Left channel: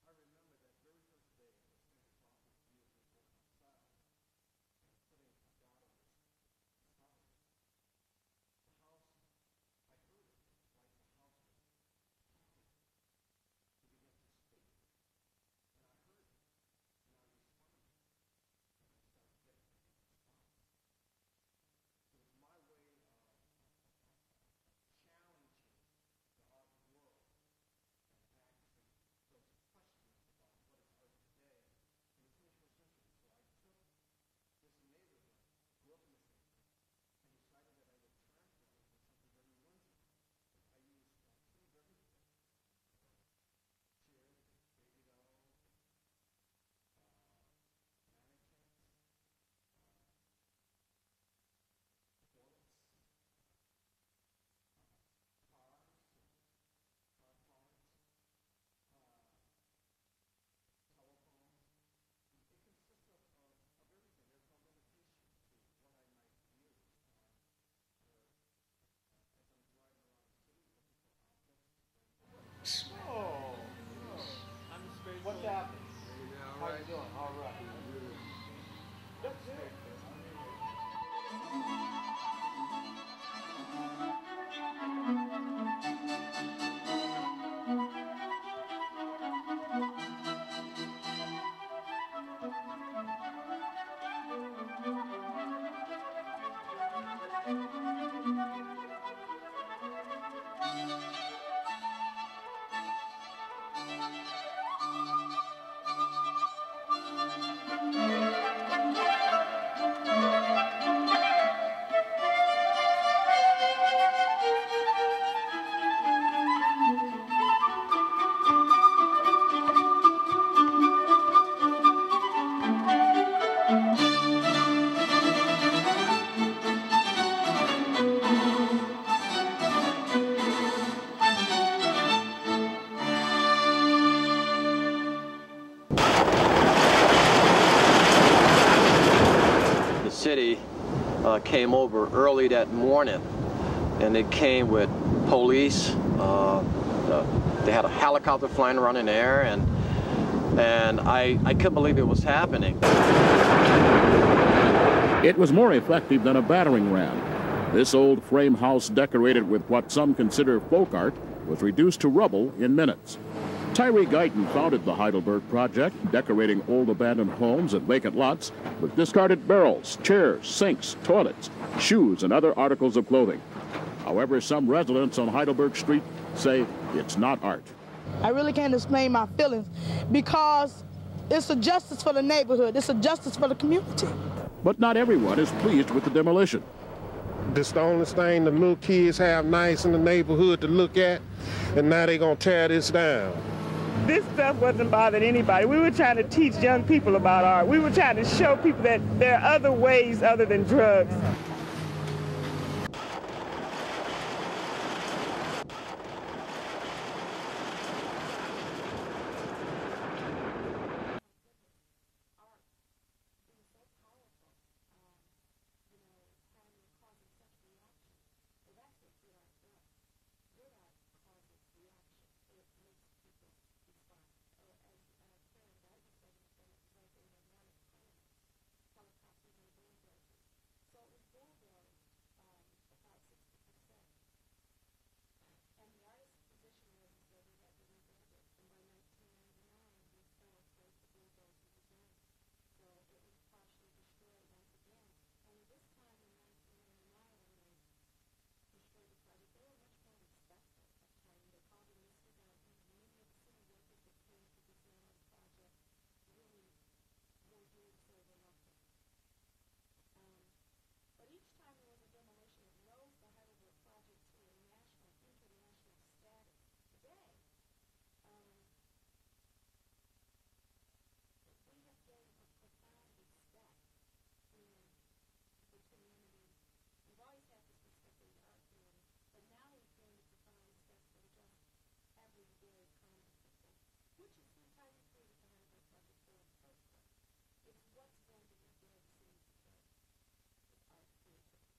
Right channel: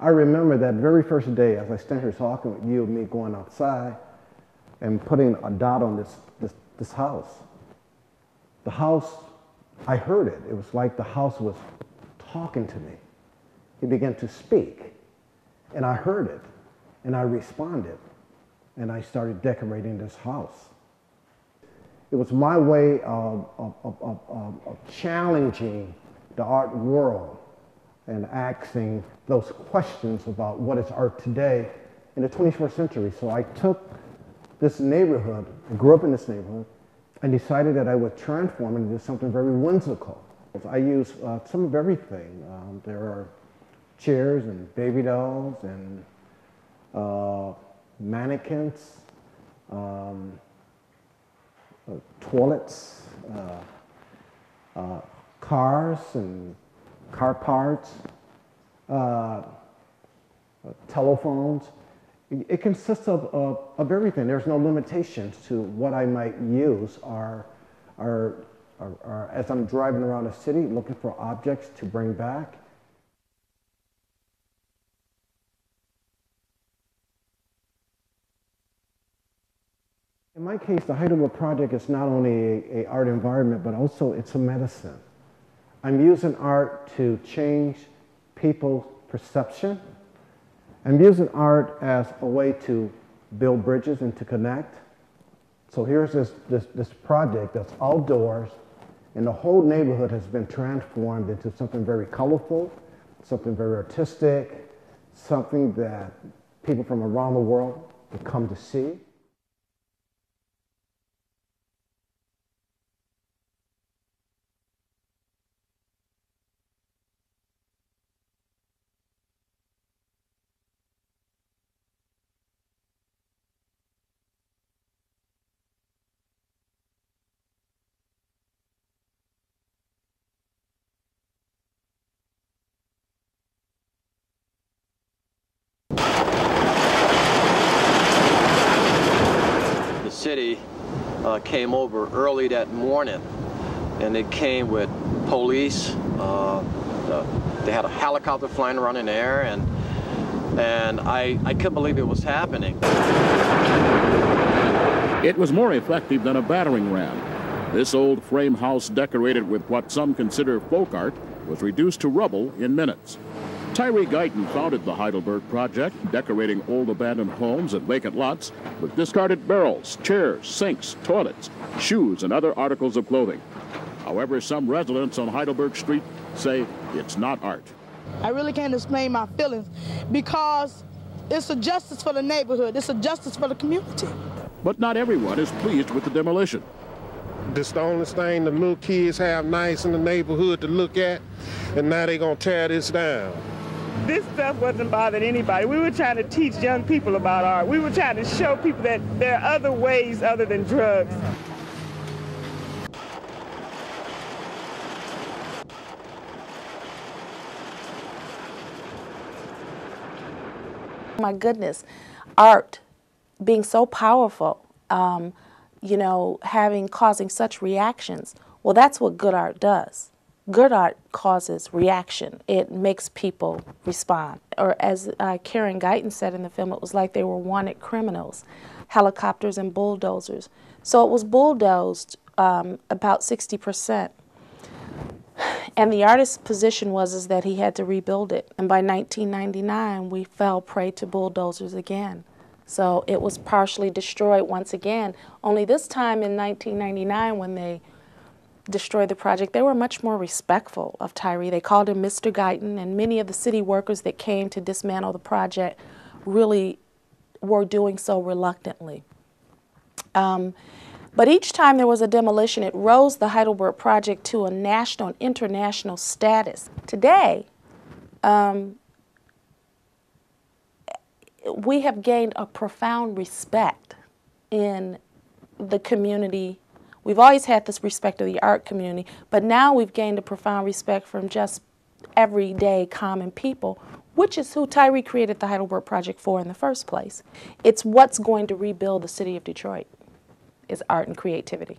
I remember that very first day as I stand here talking with you and me going outside and putting a dot on this house. The house, I heard it. It was like the house was talking to me. It began to speak, and I heard it, and I responded, and I started decorating this house. It was my way of challenging the art world and asking those questions about what is art today in the 21st century. So I took this neighborhood, I grew up in this neighborhood, and decided that I would transform it into something very whimsical. I use some of everything. There are chairs and baby dolls and mannequins, toilets, cars and car parts, telephones. It consists of everything. There's no limitations to what I might use as I'm driving around the city looking for objects to bring back. In my case, the Heidelberg project is not only an art environment, but also it's a medicine. I'm using art to change people's perception. I'm using art as a way to build bridges and to connect. So here's this project that's outdoors, and the whole neighborhood has been transformed into something very colorful, something very artistic, something that people from around the world have come to see. City came over early that morning, and they came with police. They had a helicopter flying around in the air, and I couldn't believe it was happening. It was more effective than a battering ram. This old frame house, decorated with what some consider folk art, was reduced to rubble in minutes. Tyree Guyton founded the Heidelberg project, decorating old abandoned homes and vacant lots with discarded barrels, chairs, sinks, toilets, shoes, and other articles of clothing. However, some residents on Heidelberg Street say it's not art. I really can't explain my feelings because it's a justice for the neighborhood, it's a justice for the community. But not everyone is pleased with the demolition. This is the only thing the little kids have nice in the neighborhood to look at, and now they're gonna tear this down. This stuff wasn't bothering anybody. We were trying to teach young people about art. We were trying to show people that there are other ways other than drugs. My goodness, art being so powerful, you know, causing such reactions. Well, that's what good art does. Good art causes reaction. It makes people respond. Or as Karen Guyton said in the film, it was like they were wanted criminals, helicopters and bulldozers. So it was bulldozed about 60%. And the artist's position was that he had to rebuild it. And by 1999, we fell prey to bulldozers again. So it was partially destroyed once again. Only this time in 1999, when they destroyed the project, they were much more respectful of Tyree. They called him Mr. Guyton, and many of the city workers that came to dismantle the project really were doing so reluctantly. But each time there was a demolition, it rose the Heidelberg project to a national and international status. Today, we have gained a profound respect in the community. We've always had this respect of the art community, but now we've gained a profound respect from just everyday common people, which is who Tyree created the Heidelberg Project for in the first place. It's what's going to rebuild the city of Detroit, is art and creativity.